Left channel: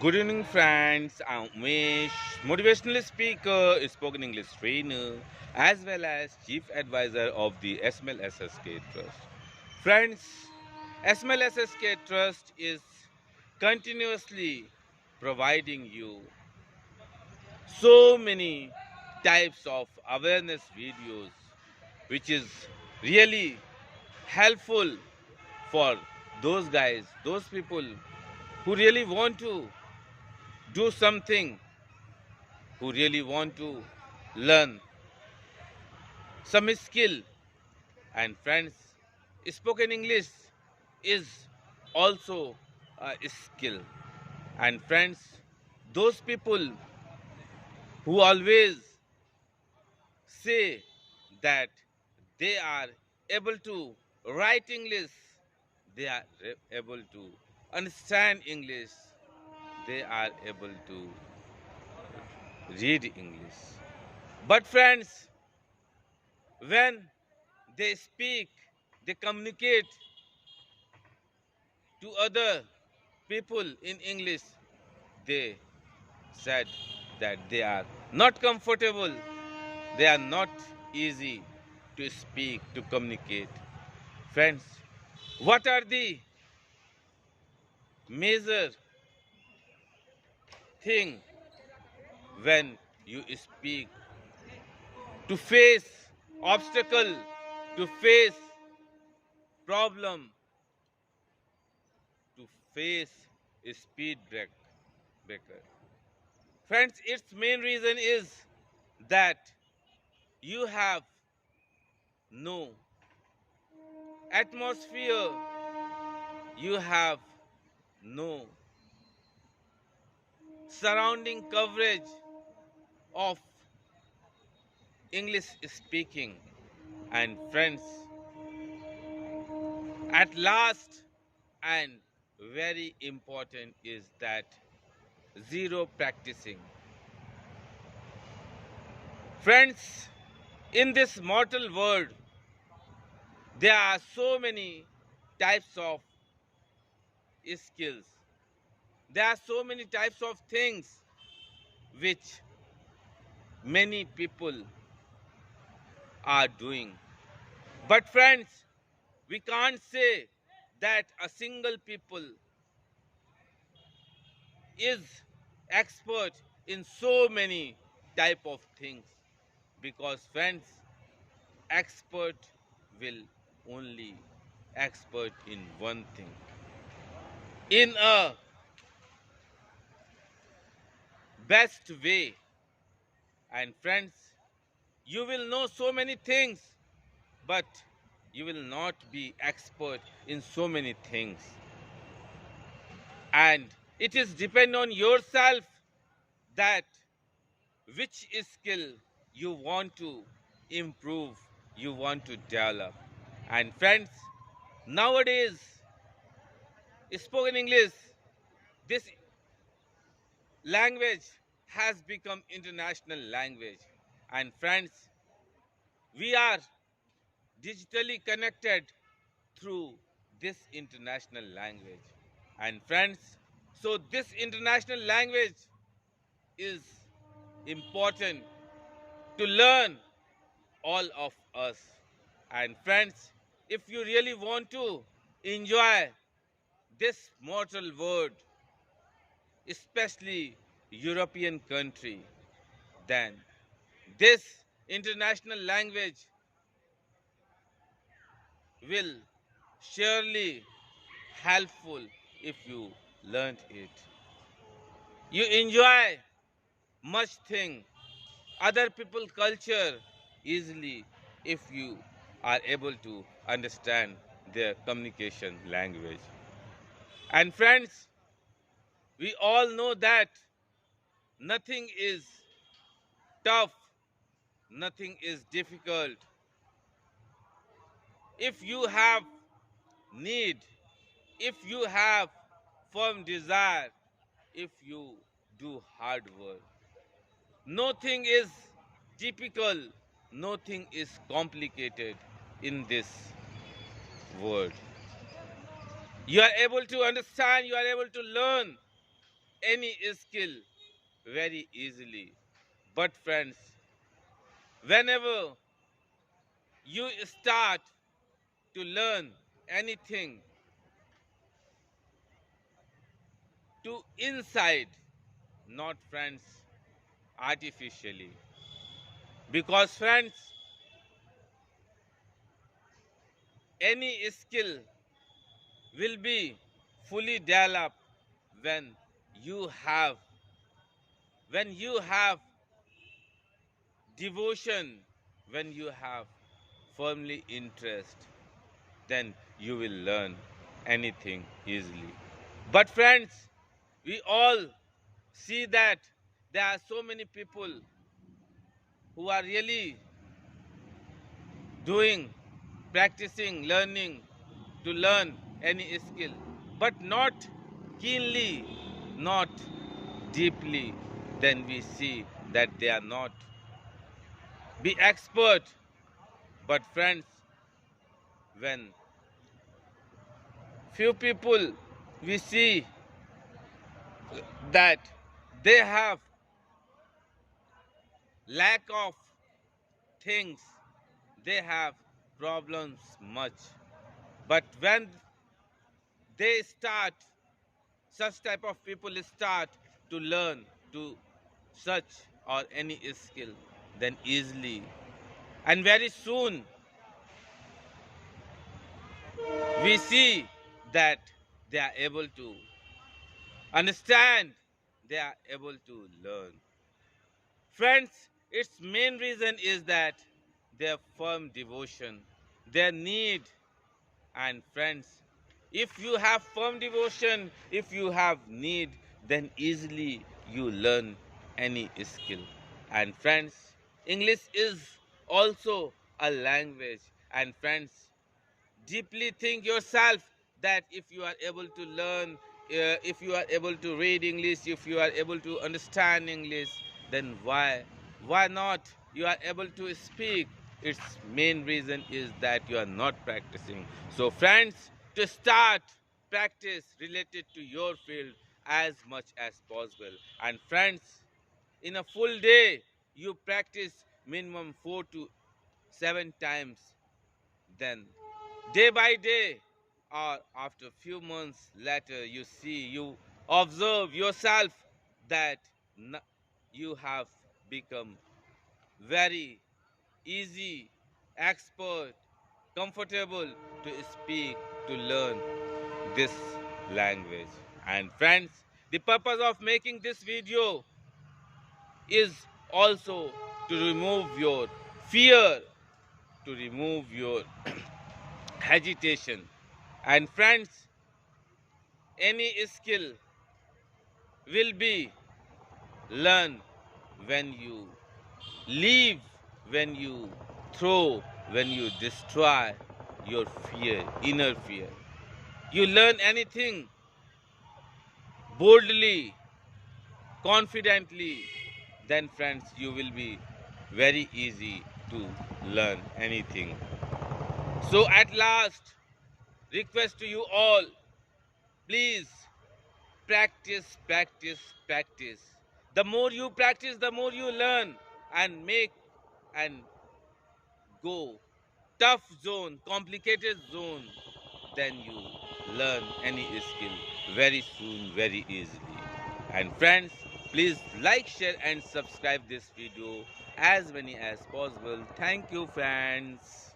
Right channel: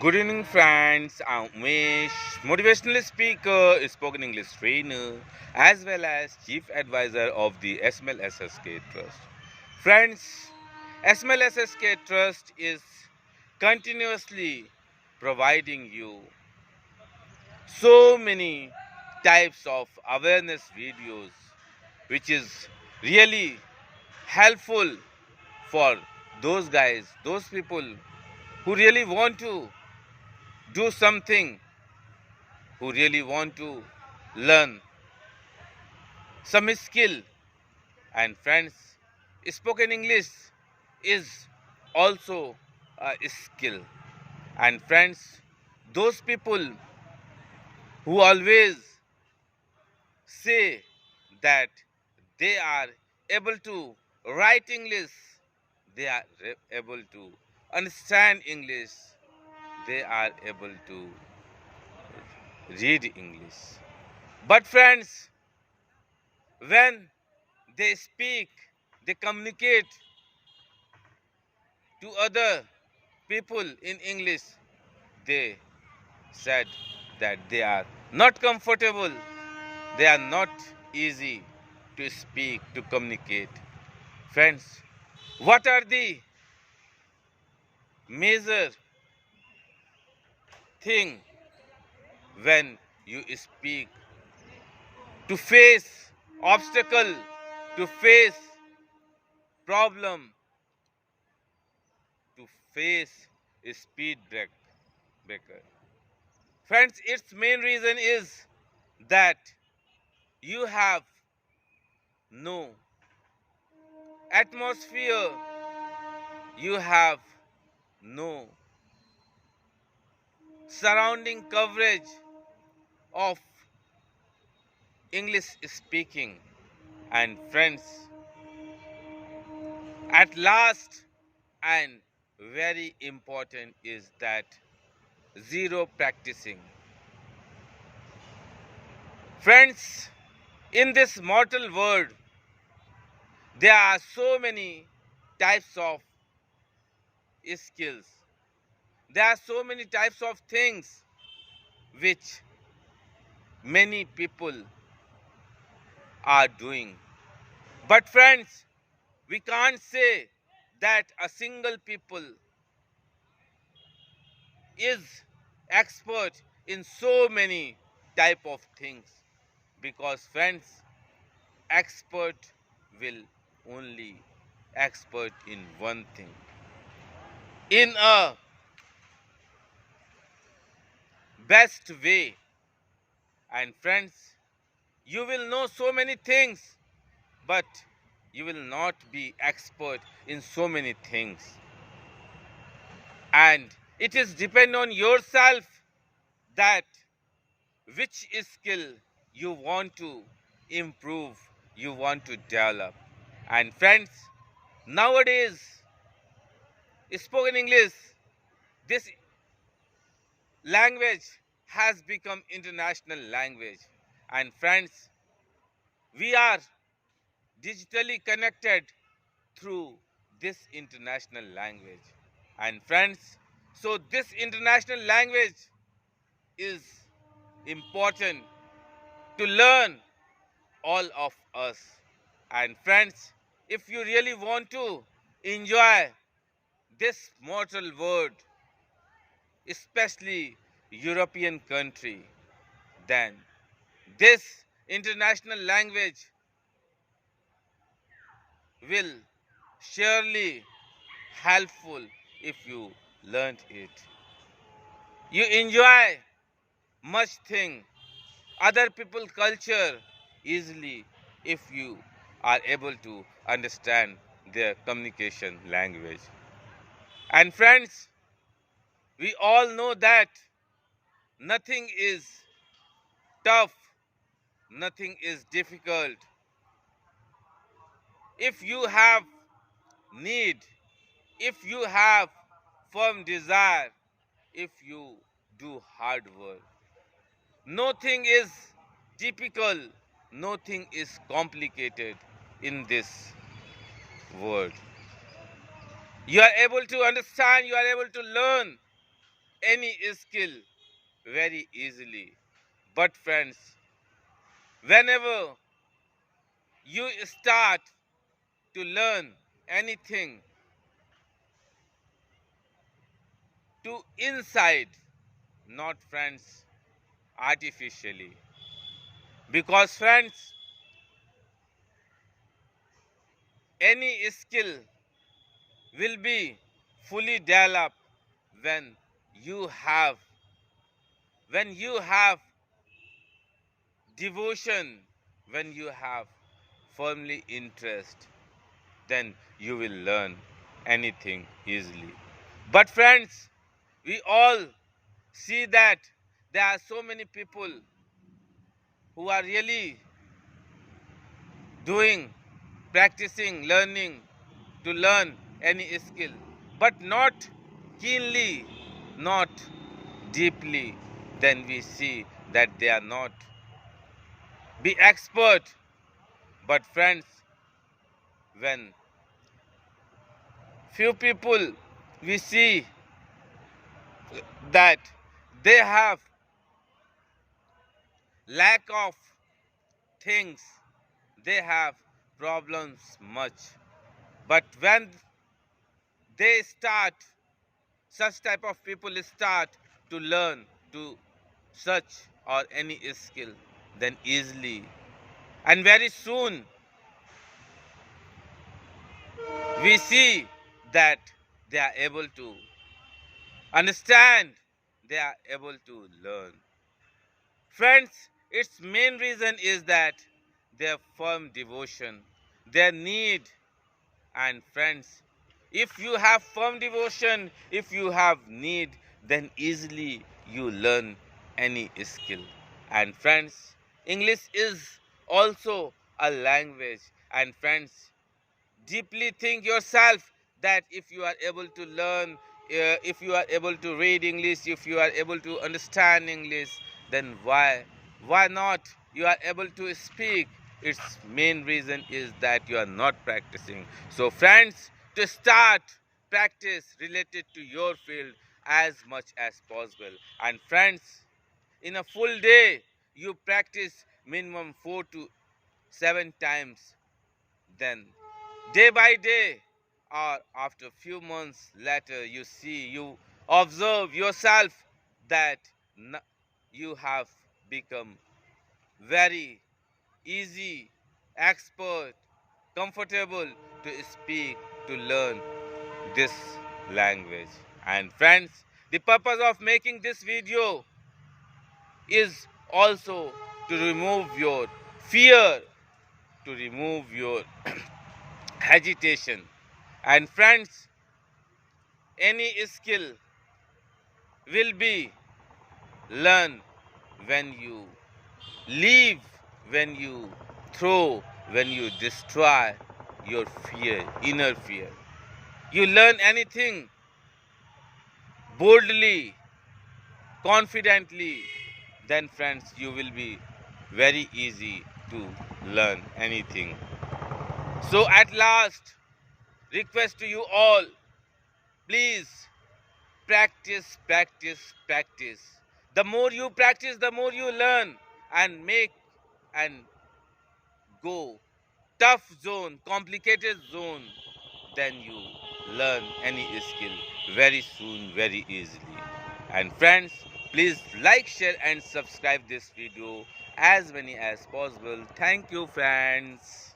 Good evening, friends. I'm Umesh, motivational speaker, spoken English trainer, as well as chief advisor of the SMLSSK Trust. Friends, SMLSSK Trust is continuously providing you so many types of awareness videos, which is really helpful for those guys, those people who really want to do something, who really want to learn some skill. And friends, spoken English is also a skill. And friends, those people who always say that they are able to write English, they are able to understand English, they are able to read English. But friends, when they speak, they communicate to other people in English, they said that they are not comfortable, they are not easy to speak, to communicate. Friends, what are the major thing when you speak to face obstacle, to face problem, to face a breaker? Friends, its main reason is that you have no atmosphere, you have no surrounding coverage of English speaking. And friends, at last and very important is that zero practicing. Friends, in this mortal world, there are so many types of skills. There are so many types of things which many people are doing. But friends, we can't say that a single people is expert in so many type of things, because friends, expert will only expert in one thing, in a best way. And friends, you will know so many things, but you will not be expert in so many things. And it is depend on yourself that which skill you want to improve, you want to develop. And friends, nowadays, spoken English, this language has become international language. And friends, we are digitally connected through this international language. And friends, so this international language is important to learn all of us. And friends, if you really want to enjoy this mortal world, especially European country, then this international language will surely helpful if you learned it. You enjoy much thing, other people culture easily if you are able to understand their communication language. And friends, we all know that nothing is tough, nothing is difficult. If you have need, if you have firm desire, if you do hard work, nothing is typical, nothing is complicated in this world. You are able to understand, you are able to learn any skill very easily. But friends, whenever you start to learn anything to inside, not friends, artificially. Because friends, any skill will be fully developed when you have when you have devotion, when you have firmly interest, then you will learn anything easily. But friends, we all see that there are so many people who are really doing, practicing, learning to learn any skill, but not keenly, not deeply, then we see that they are not be expert. But friends, when few people we see that they have lack of things, they have problems much. But when they start, such type of people start to learn to such or any skill, then easily and very soon we see that they are able to understand, they are able to learn. Friends, its main reason is that their firm devotion, their need. And friends, if you have firm devotion, if you have need, then easily you learn any skill. And friends, English is also a language. And friends, deeply think yourself that if you are able to learn, if you are able to read English, if you are able to understand English, then why not you are able to speak? Its main reason is that you are not practicing. So friends, to start practice related to your field as much as possible. And friends, in a full day you practice minimum 4 to 7 times, then day by day or after few months later you see, you observe yourself that you have become very easy, expert, comfortable to speak, to learn this language. And friends, the purpose of making this video is also to remove your fear, to remove your agitation. And friends, any skill will be learned when you leave, when you throw, when you destroy your fear, inner fear. You learn anything boldly, confidently, then friends, you will be very easy to learn anything. So at last, request to you all, please practice, practice, practice. The more you practice, the more you learn and make and go tough zone, complicated zone, then you learn any skill very soon, very easily. And friends, please like, share and subscribe this video as many as possible. Thank you, friends.